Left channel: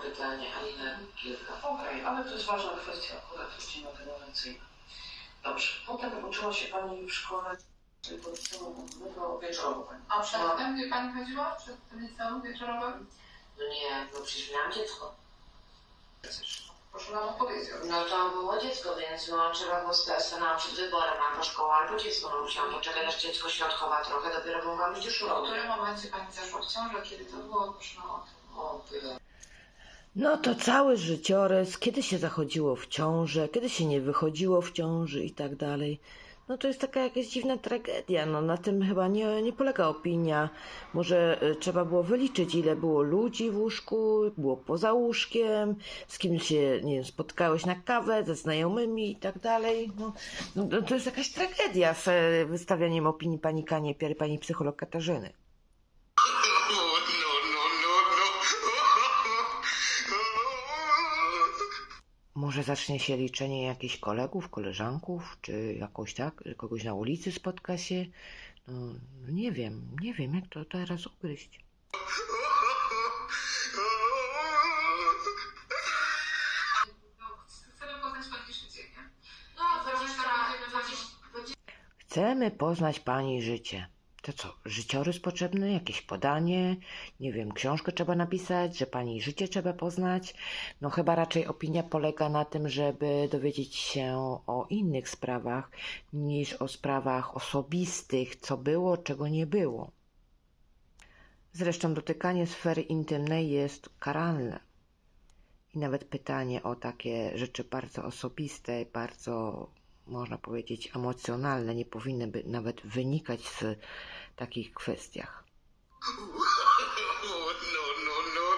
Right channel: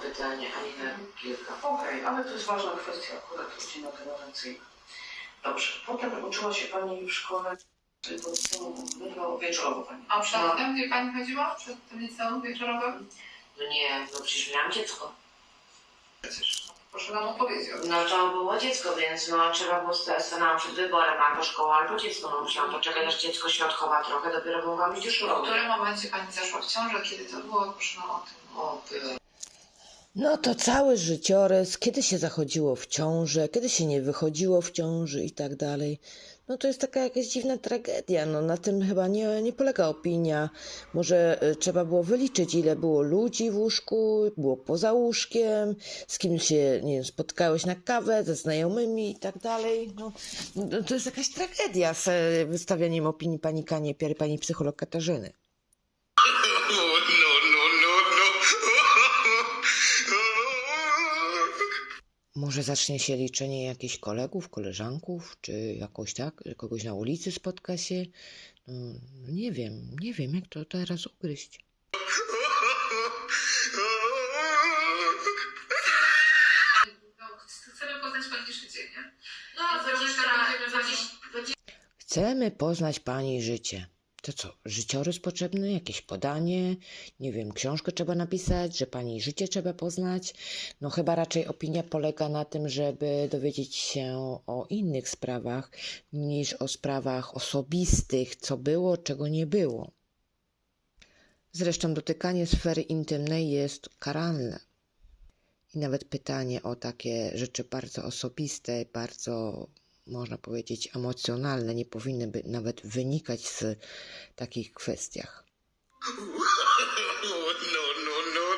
pytanie, ani na kilka. Okej, ale to jest ważna kwestia akurat rodziny generacyjnej. Dobrze. Potem uczyła się Pani w szkole w liceum wieczorowo Pani. A przedtem, gdzie pani chodziła? Przed tym liceum wieczorowym? No nie, no przecież miałam dziecko. Proszę nam odpowiedzieć. No to było dziecko, więc no trzeba było sta- stanąć przed wyborem albo szkoła, albo dziecko. No musiałam poczekać aż dziecko świadkowa trochę, dopiero mogłam iść do W którym momencie pani zaszła w ciążę? Kiedy to było? Proszę nam o tym. O, było. No to cały życiorys, kiedy się zachodziło w ciążę, kiedy się nie wychodziło w ciąży i tak dalej. No to jest taka jakaś dziwna tragedia. No na tym chyba nie, nie polega opinia. Może y, trzeba było wyliczyć, ile było ludzi w łóżku, było poza łóżkiem, z kim się, nie wiem, spotkałeś na kawę, ze znajomymi i tak dalej. No, no no to jest jakaś tragedia z e, wystawianiem opinii pani Kaniepiery, pani psycholog Katarzyny. Może zacznie się liczenie jakichś kolegów, koleżanków, czy jakoś tak, że kogoś na ulicy spotka się. No, nie wiem, nie wiem, jak to teraz ugryźć. No, chcemy poznać pani życie, To co, życiorys potrzebny, jakieś podanie, nie wiem, książkę trzeba napisać, że pani życie trzeba poznać. No chyba raczej opinia polega na tym, żeby dowiedzieć się o innych sprawach, niż o sprawach osobistych, co było, czego nie było. Zresztą dotykanie sfery intymnej jest karalne. I nawet pytanie o takie rzeczy bardzo osobiste, bardzo można powiedzieć emocjonalne, nie powinny by nawet wynikać z takich kwestiach. No, no, no,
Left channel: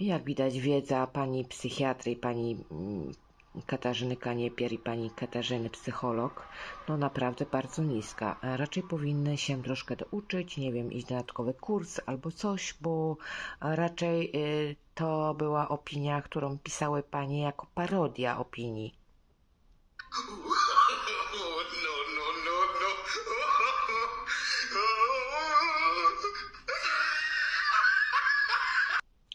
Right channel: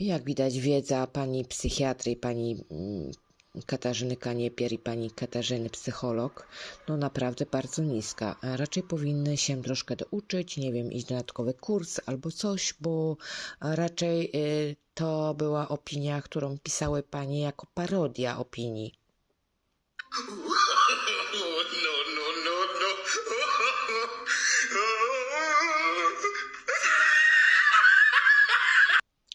jak widać, wiedza pani psychiatry, pani mm, Katarzyny Kaniepier i pani Katarzyny psycholog, no naprawdę bardzo niska. Raczej powinny się troszkę douczyć, nie wiem, iść na dodatkowy kurs albo coś, bo raczej y, to była opinia, którą pisały panie jako parodia opinii.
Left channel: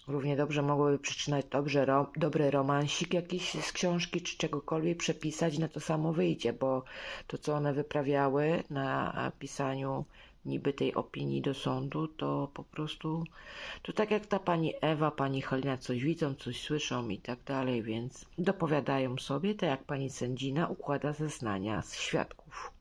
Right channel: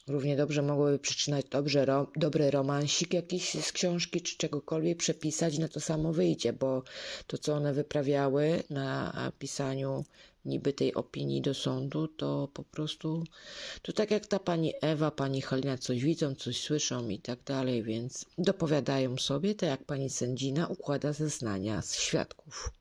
Równie dobrze mogłyby przeczytać dobrze, ro, dobry romansik jakiś z książki czy czegokolwiek przepisać, no to samo wyjdzie, bo to, co one wyprawiały na pisaniu niby tej opinii do sądu, to po prostu to tak jak ta pani Ewa, pani Halina coś widzą, coś słyszą i tak dalej, więc dopowiadają sobie, tak jak pani sędzina układa zeznania z świadków.